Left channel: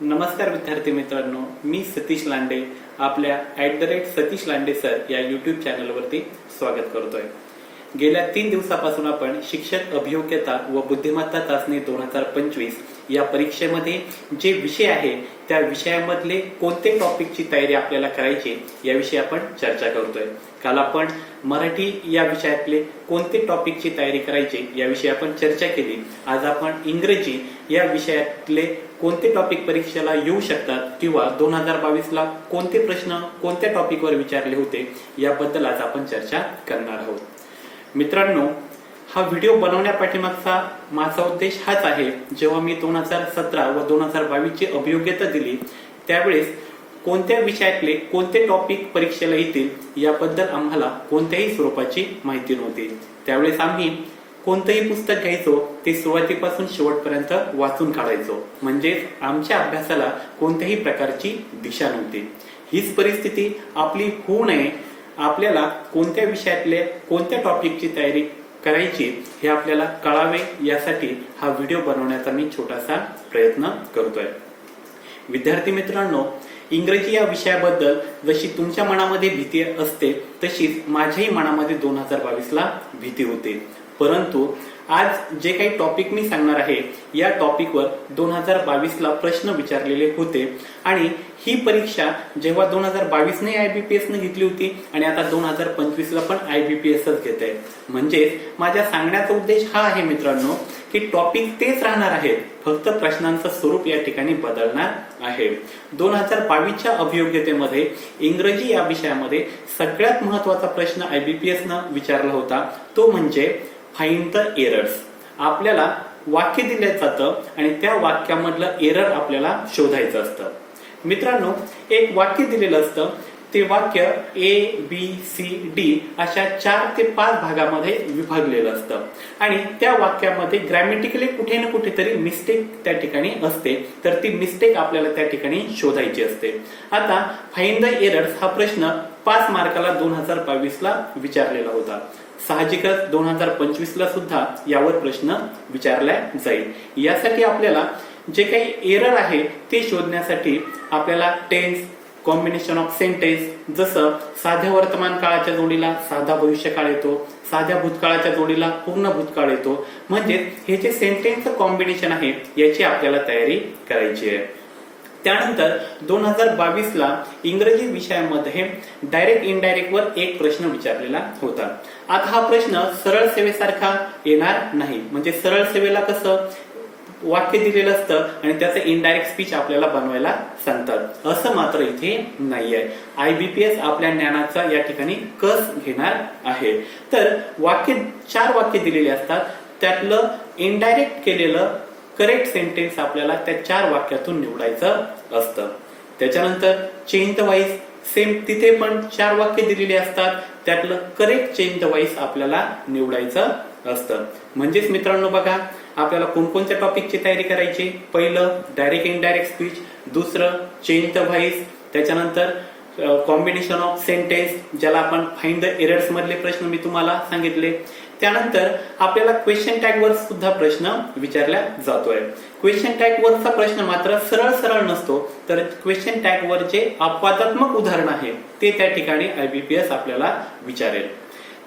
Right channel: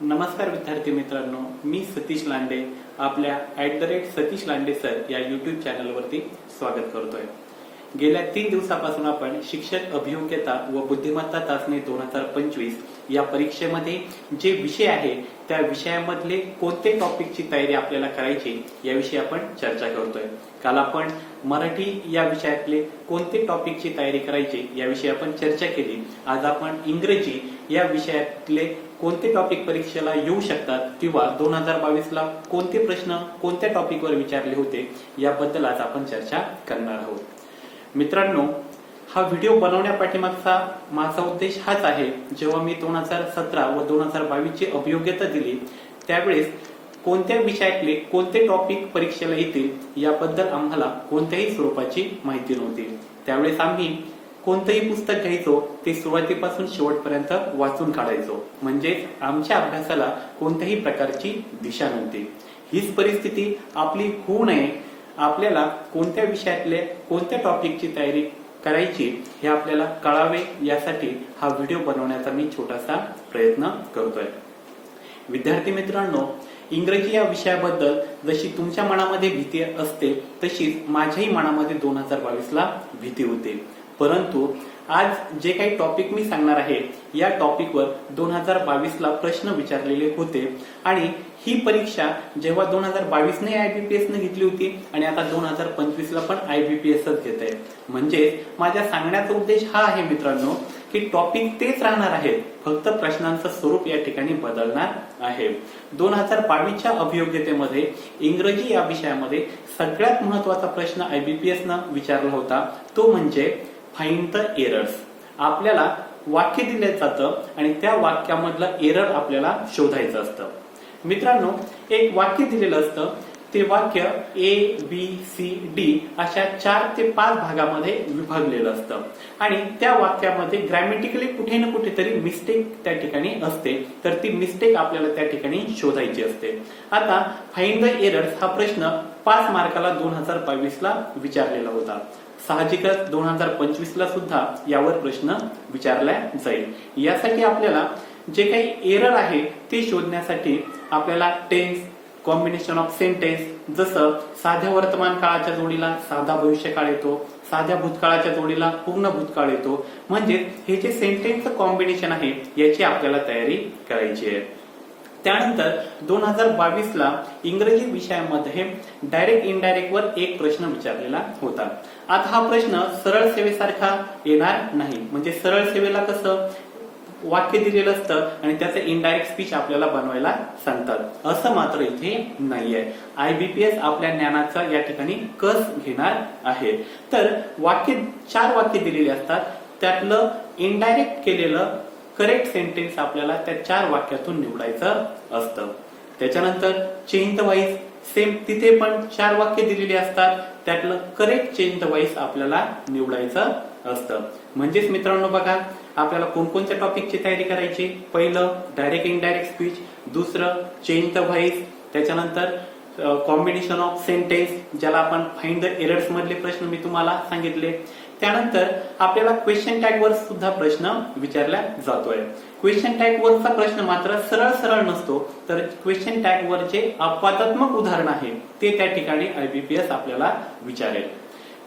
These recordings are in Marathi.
नमस्कार विद्यार्थी मित्रांनो, मी सतीश लांडे आपल्या @सतीश लांडे सर या युट्यूब चॅनलवरती स्वागत करतोय। गेल्या 3 दिवसापासून आपण शिक्षक अभियोग्यता व बुद्धिमत्ता चाचणी 2025 या परीक्षेमध्ये जे विषय आहे त्या विषयामधले कोणते टॉपिकची तयारी आपल्याला करायची याविषयी आपण चर्चा करतोय। काल आपण मराठी या विषयातले कोणते टॉपिकची तयारी करायची याविषयी आपण चर्चा केली। आज आपण इंग्रजी या विषयातले कोणते टॉपिक परीक्षेला येऊ शकतात किंवा 2022 ला कोणते प्रश्न कोणत्या टॉपिकवर विचारले होते याबद्दल आज आपण चर्चा करणार आहोत। मित्रांनो, हा व्हिडिओ बनवण्यापाठीमागचा माझा उद्देश हाच आहे, जेव्हा मी 2017 व 2022 ची अभियोग्यता दिली त्यावेळेस कोणत्या विषयातले कोणते टॉपिक परीक्षेला येतील याबद्दल आम्हाला कोणत्याही स्वरूपाची माहिती नव्हती। त्यावेळेस आम्ही कोणतंही पुस्तक घ्यायचो ते सुरुवातीपासून शेवटपर्यंत वाचून काढायचो, म्हणजे आमच्या अभ्यासाला कोणत्याही प्रकारची दिशा नव्हती। हीच परिस्थिती आपली होऊ नये, आपल्याला कोणत्या विषयातले कोणत्या टॉपिकची तयारी करायची हे आपल्याला कळावे यासाठी हा व्हिडिओ बनवण्याचा मी छोटासा प्रयत्न करतोय। विद्यार्थी मित्रांनो, इंग्रजी या विषयाबद्दल जशी तुमच्या मनामध्ये भीती असते तशीच माझ्याही मनामध्ये 2022 ला भीती होती। परंतु आज जे काही टॉपिक मी सांगणार आहे या टॉपिकवर 2022 ला प्रश्न विचारलेले होते आणि ही परीक्षा जेव्हा 2022 ने IBPS ने घेतली होती आणि आता 2025 ला पण IBPSच घेत आहे। म्हणजे माझ्या सांगण्याचा उद्देश हा आहे मित्रांनो की टॉपिक तेच राहणार आहे, फक्त प्रश्नांचं स्वरूप या ठिकाणी बदलणार आहे। 2022 च्या अभियोग्यतेमध्ये इंग्रजी या विषयामध्ये सगळ्यात महत्वाचा प्रश्न IBPS न विचारला होता, तो म्हणजे फाइंड द एरर्स। आपल्याला वाक्य दिले जातं आणि त्या वाक्यामधलं एरर आपल्याला शोधायचं असतं। मित्रांनो, एक वाक्य दिलेलं असतं, ते वाक्य ABCD अशा 4 ते 5 भागामध्ये विभागलेलं असतं आणि त्या वाक्यामध्ये ग्रॅमॅटिकली कुठे ना कुठेतरी मिस्टेक त्या ठिकाणी असते, तर ती मिस्टेक आपल्याला त्या ठिकाणी शोधायची असते। आता फाइंड द एरर्स हा प्रश्न 5 मार्काला 2022 ला विचारलेला होता। साहजिकच 2025 ला सुद्धा यावर प्रश्न विचारला जाईल। यासाठी आपल्याला जे काही एरर आहे ते शोधण्यासाठी आपल्याला टेन्स, कॉम्बिनेशन ऑफ सेंटेन्स, जसं साध्या वर्तमान काळाच्या जोडीला साधा भविष्यकाळ येतो, साध्या भूतकाळाच्या जोडीला पूर्ण भूतकाळ येतो, म्हणजे हे जे सेंटेन्सचं कॉम्बिनेशन आहे याची आपल्याला तयारी करायची आहे। त्यानंतर 2022 ला इंग्रजी विषयामध्ये डायरेक्ट इनडायरेक्ट वर एक प्रश्न विचारलेला होता। आता हा प्रश्न सरळ सेवेसारखा येणार नाही, म्हणजे सरळ सेवेला कसं वाक्य दिलेलं असतं आणि त्याचं इनडायरेक्ट स्पीच आपल्याला बनवायला सांगतात, असं मात्र इथे नाहीये। IBPS आपल्या ज्ञानाचा या ठिकाणी कस घेणार आहे। तर 4 वाक्य दिलेले असतात, त्यातलं इनडायरेक्ट केलेलं करेक्ट सेंटेन्स आपल्याला त्या 4 वाक्यातून निवडायचं असतं। त्याच्यानंतर चेंज द व्हॉइस, सेम तिथे पण 4 वाक्य दिलेली असतात, त्यातलं करेक्ट चेंज द व्हॉइस आपल्याला निवडायचं असतं। म्हणजेच मित्रांनो बघा, आपल्याला कोणकोणत्या टॉपिकची तयारी करायची, पहिलं डायरेक्ट इनडायरेक्ट स्पीच, दुसरं चेंज द व्हॉइस, त्याच्यानंतर कॉम्बिनेशन ऑफ सेंटेन्स ज्याला आपण फाइंड द एरर्स मधले प्रश्न मी तुम्हाला सांगितले। त्यानंतर आपल्याला क्वेश्चन टॅग वर सुद्धा प्रश्न विचारला जातोय। क्वेश्चन टॅग वरचा प्रश्न मात्र सरळ नसतो, तर क्वेश्चन टॅग वर जे अपवादात्मक उदाहरण आहे ते त्या ठिकाणी IBPS आपल्याला विचारेल।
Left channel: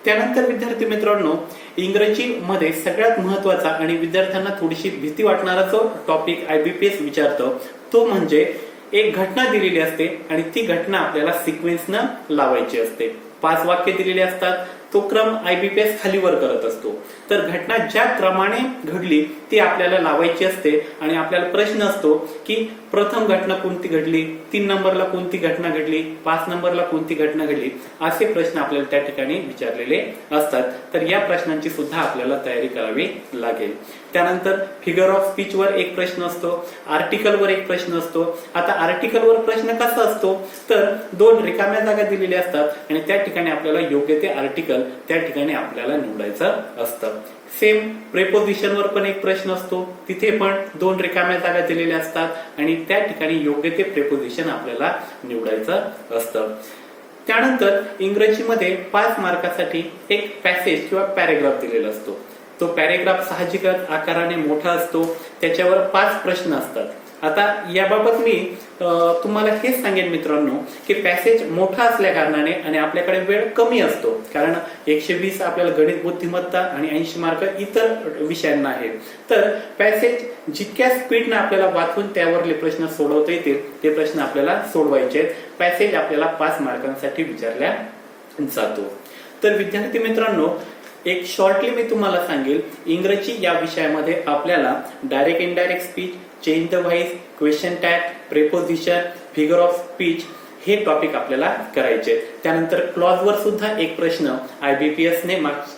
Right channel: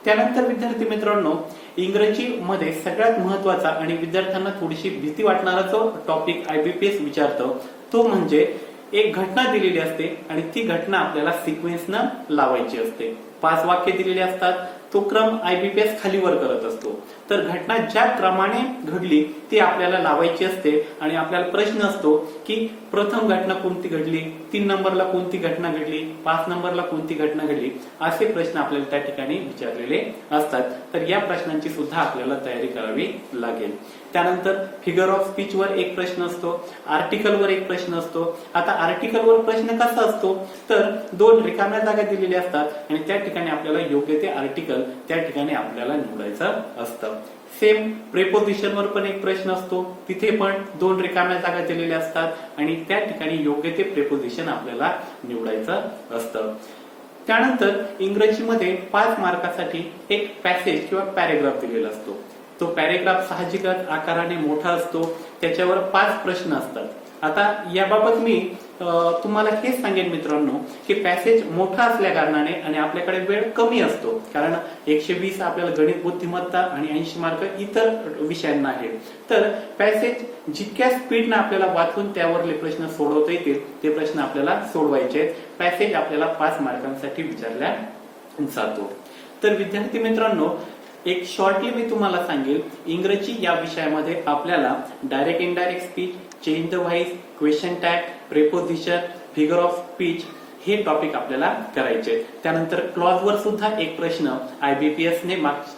त्यानंतर विद्यार्थी मित्रांनो, इंग्रजी मध्ये सगळ्यात महत्वाचा आणि विद्यार्थ्यांना थोडीशी भीती वाटणारा जो टॉपिक IBPS विचारतो तो म्हणजे एक घटना दिलेली असते आणि ती घटना आपल्याला सिक्वेन्सनं लावायची असते। 5 वाक्य दिलेले असतात, तो क्रम IBPS खालीवर करत असतो, तर घटना ज्या क्रमाने घडली ती आपल्याला लावायची असते आणि आपल्याला प्रश्न असतो की प्रथम घटना कोणती घडली, 3 नंबरला कोणती घटना घडली, 5 नंबरला कोणती घटना घडली, असे प्रश्न आपल्याला त्या ठिकाणी विचारलेले असतात। तर या प्रश्नांची सुद्धा आपल्याला तयारी करावी लागेल। त्यानंतर फिगर ऑफ स्पीच वर एक प्रश्न असतो, आर्टिकल वर एक प्रश्न असतो। आता आर्टिकल वर प्रश्न कसा असतो, तर 2 रिकाम्या जागा दिलेल्या असतात आणि त्या ठिकाणी आपल्याला योग्य ते आर्टिकल त्या ठिकाणी आपल्याला निवडायचं असतं। सेम प्रेपोजिशन वर पण एक प्रश्न असतो, तिथे पण 2 रिकाम्या जागा दिलेल्या असतात आणि त्या ठिकाणी योग्य ते प्रेपोजिशन आपल्याला निवडायचं असतं। त्यानंतर इंग्रजीमध्ये 5 मार्कासाठी एक पॅसेज किंवा पॅरेग्राफ दिलेला असतो। तो पॅरेग्राफ साहजिकच आकाराने मोठा असतो, त्याच्यावर 5 प्रश्न असतात आता याबाबत मी तुम्हाला हेच सांगेन मित्रांनो की पॅसेज मोठा असल्या कारणाने आणि आपल्याकडे वेळ कमी असतो, कारण 120 आपल्याला गणित बुद्धिमत्ता आणि 80 मार्क इतर विषयांना आहेत. तर पॅसेज जितक्या स्पीडनं आपल्याला वाचून त्यावरले प्रश्न सोडवता येतील ते प्रश्न आपल्याला सोडवायचे. पॅसेज आपल्याला 5 मार्कांसाठी विचारल्या जातो. तर विद्यार्थी मित्रांनो, एक शॉर्टली मी तुम्हाला सांगेल, इंग्रजी या विषयामध्ये आपल्याला direct indirect speech, change the voice, question tag, preposition, figure of speech हे टॉपिक आपल्याला करायचे. त्यानंतर क्लॉज वर सुद्धा एक प्रश्न IBPS ने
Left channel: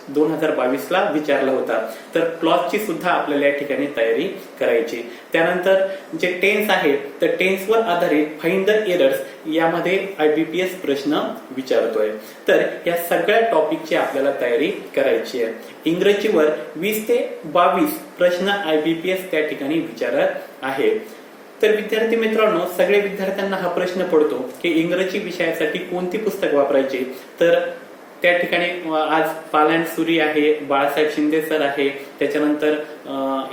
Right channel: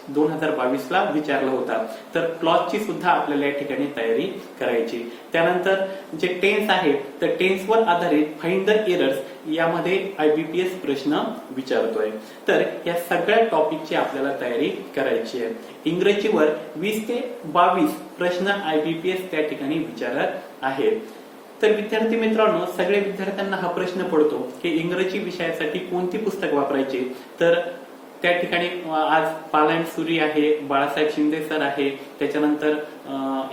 2022 ला विचारला होता. तर क्लॉजची सुद्धा आपल्याला या ठिकाणी तयारी करायची. त्यानंतर जे टेन्स आहे तर टेन्सवर आधारित फाइंड द एरर्स यामध्ये IBPS प्रश्न विचारतोय. तर या सगळ्या टॉपिकची आपल्याला तयारी करायची आहे. इंग्रजीवर 20 ते 22 प्रश्न IBPS त्या ठिकाणी विचारत आहे. तर विद्यार्थी मित्रांनो, सगळे विद्यार्थ्यांना हा प्रश्न पडतो की इंग्रजी विषयासाठी कोणती पुस्तक वापरायची. तर त्या ठिकाणी आज पालांड सुरी आहे, बाळासाहेब शिंदे सर आहे, त्याच्यानंतर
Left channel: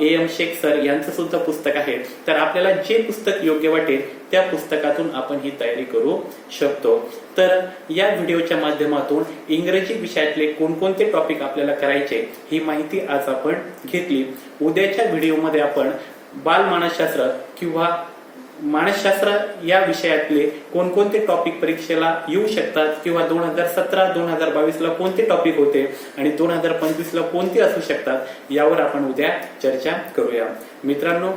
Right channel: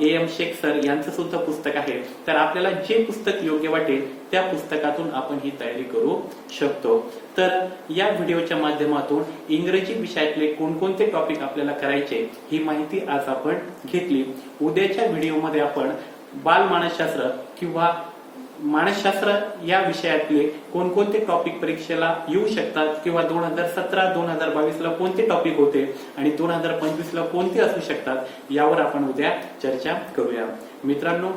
AM शेख सर यांचं सुद्धा पुस्तक आहे. तर आपल्याला जे पुस्तक योग्य वाटेल त्या पुस्तकातून आपण ही तयारी करू शकतो. तर या व्हिडिओच्या माध्यमातून इंग्रजी विषयातले कोणकोणते टॉपिक आपल्याला करायचे ही माहिती आज आपण घेतली. उद्याच्या व्हिडिओमध्ये आपण बाल मानसशास्त्र किंवा मानसशास्त्र या विषयातले कोणकोणते टॉपिक परीक्षेला येऊ शकतात किंवा 2017-2022 ला कोणते टॉपिक होते आणि 2025 ला कोणते असू शकतात यावर आपण उद्या चर्चा करूया. मित्रांनो,